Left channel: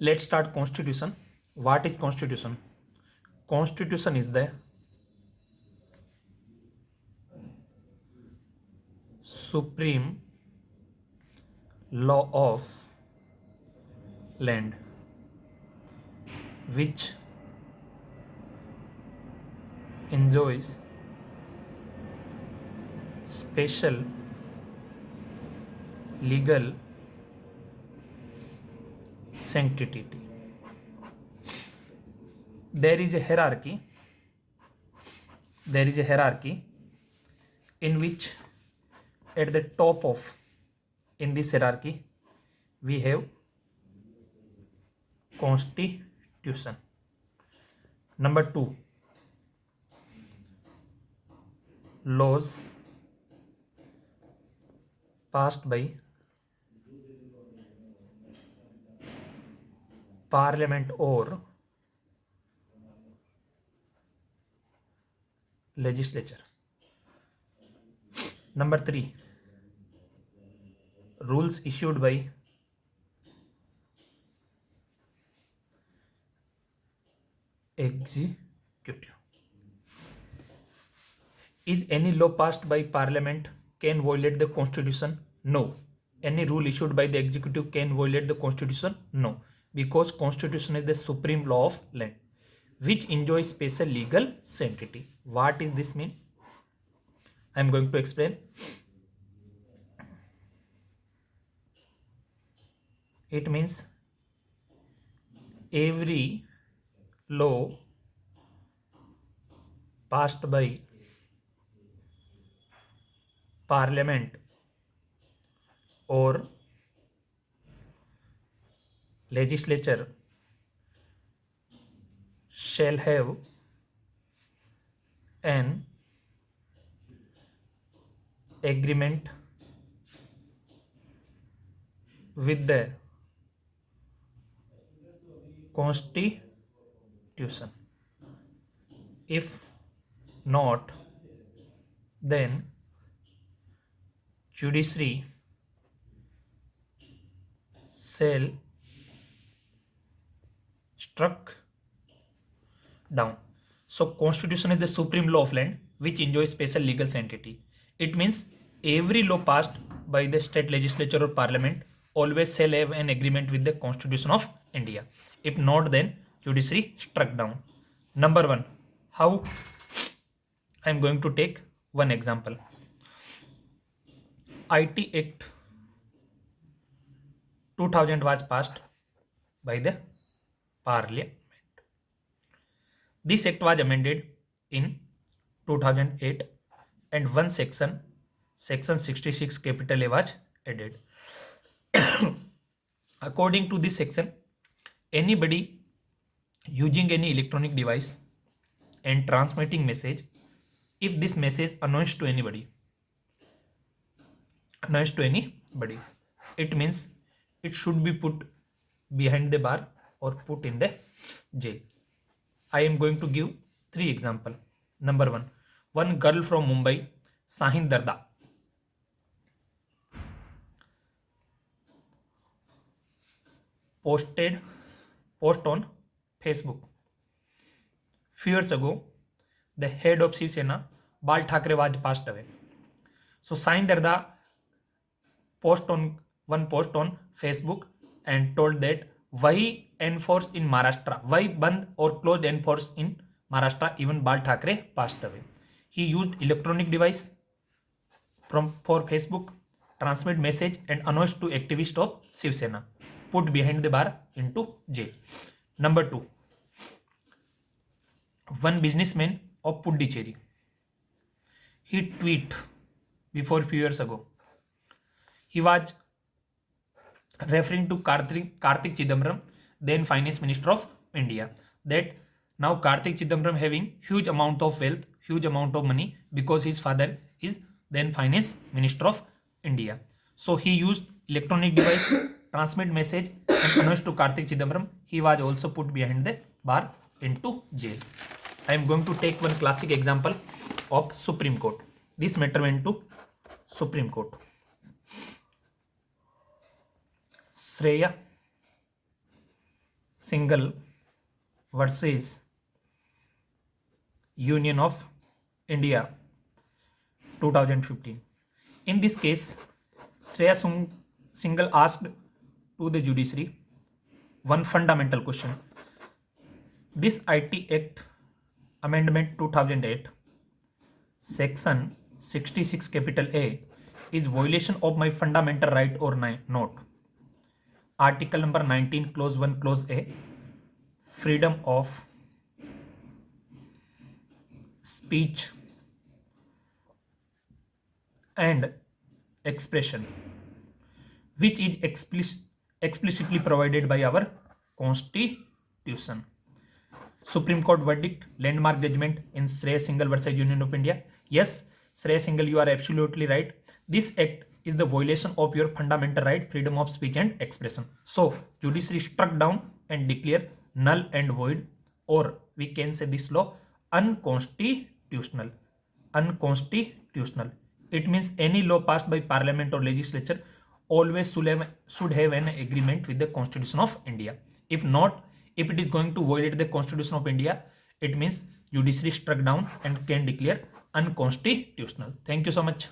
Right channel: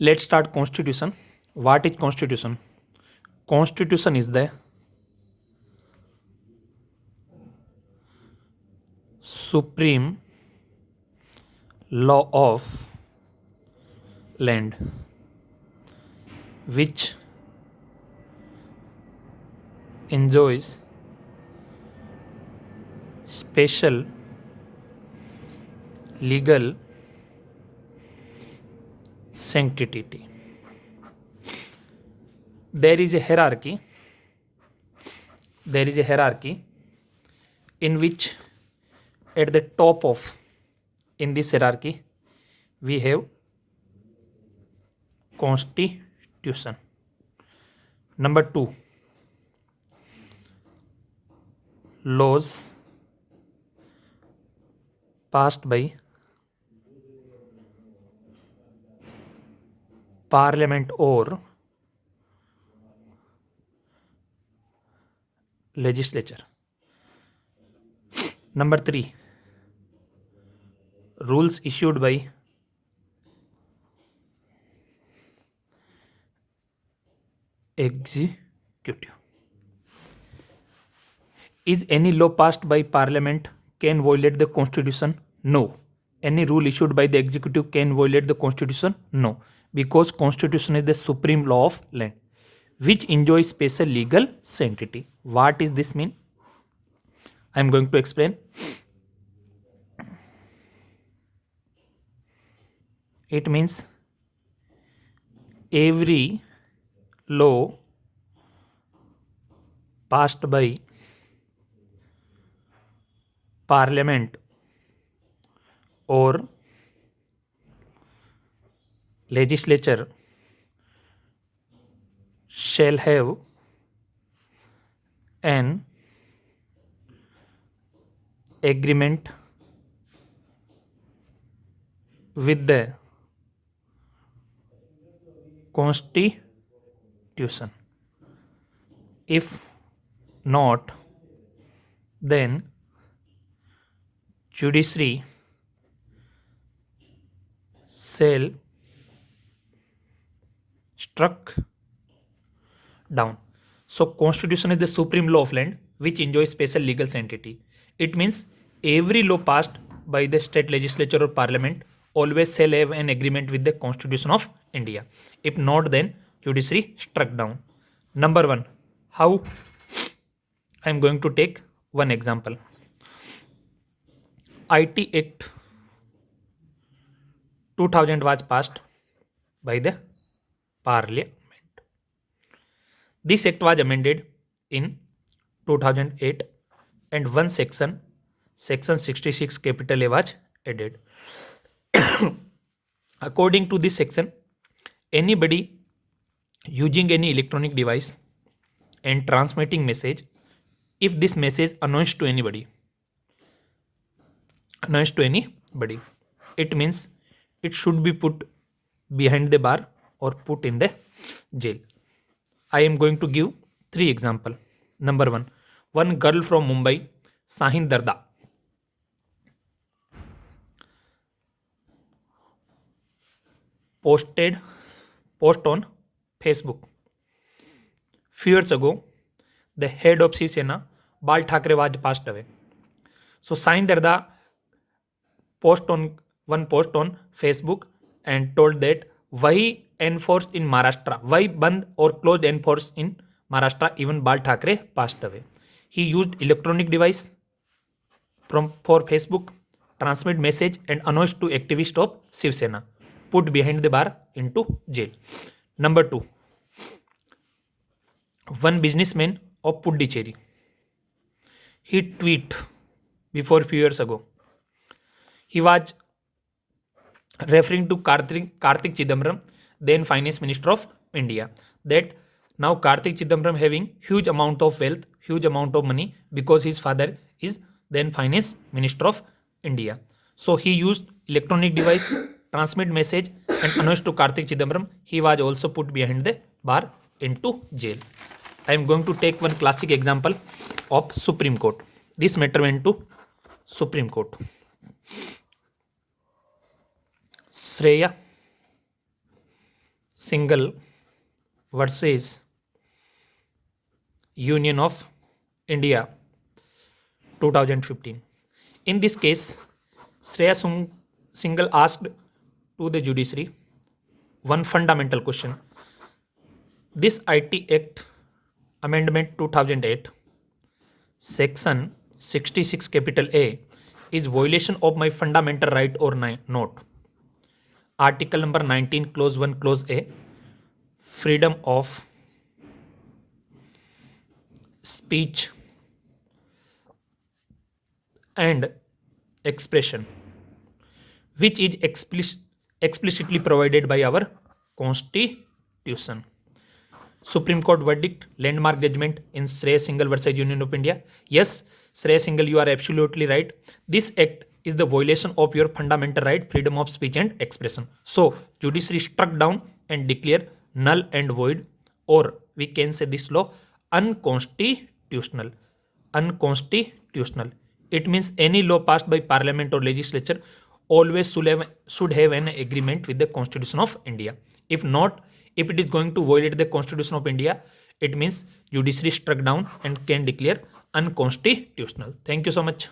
Let's start constitution. What is constitution? Constitution is the supreme law of land which enjoys special legal sanctity. There is a hierarchy. There is a hierarchy in which at the top of in this hierarchy we have constitution. Number 2, laws passed by parliament or legislature. Number 3, rules issued by executive. Is any law passed by parliament can violate the constitution? No. Any rule issued by the executive can violate the constitution? No. Because constitution is the supreme law of land which enjoys special legal sanctity. What is this mean? I am going to explain. It means every law passed by parliament or legislature shall have an agreement with the constitution. If not, then judiciary shall struck down. So constitution is the supreme law of land which enjoys special legal sanctity. It means every law passed by the state legislature or parliament always shall have an agreement with the constitution of India. If not, then judiciary struck down. Number 1, how? I am going to take one example. IT Act 2000 was passed by the parliament. This act was amended in 2008 and one section 66 capital A was added. According to this section, anybody using any electronic device and transmitting message, if this message annoys to anybody, it means it should be put behind the bar or put in the jail. I am going to give 3 examples. Number 1, one girl from Mumbai, Sahin Darda, post on Facebook. Few years ago, the head of Shiv Sena, Bal Thackeray, was passed away. So Sahin Darda post on Facebook and told that why enforced in Maharashtra, why band or closed enforced in Maharashtra, even Bal Thackeray passed away. He used electronic device for Facebook, transmit message and announce to activists of Shiv Sena, put behind the bar into jail. Number 2, one businessman of Puducherry, he tweet before few years ago. He was referring to Kartik Chidambaram, then Finance Minister of India, that now Kartik Chidambaram having huge amount of wealth, huge amount of money because his father is then Finance Minister of India. So he used electronic device, transmit message and announced to Kartik Chidambaram. He was also put behind the bar into jail. I am going to take one classic example of Supreme Court. This matter went to Supreme Court. Shreya Singhal versus Union of India 2015. In this case, Singhal asked to the judiciary one fundamental question. This IT Act Amendment 2008, Section 66 capital A is violation of my fundamental right or not? Article number 19 clause 1 clause A, freedom of speech and expression, which is explicitly provided by our constitution. Supreme Court verdict, landmark judgment in Shreyas Singhal versus Union of India. Yes, Shreyas Singhal, you are absolutely right. This act is the violation of your fundamental right, freedom of speech and expression. So, judiciary struck down and declare null and void, or we can say this law unconstitutional. Unconstitutional. It means any law passed by parliament or legislature always should have an agreement with the Constitution of India. If not, if it is going to violate the Constitution of India, it means judiciary struck down and can declare unconstitutional. Thank you so much.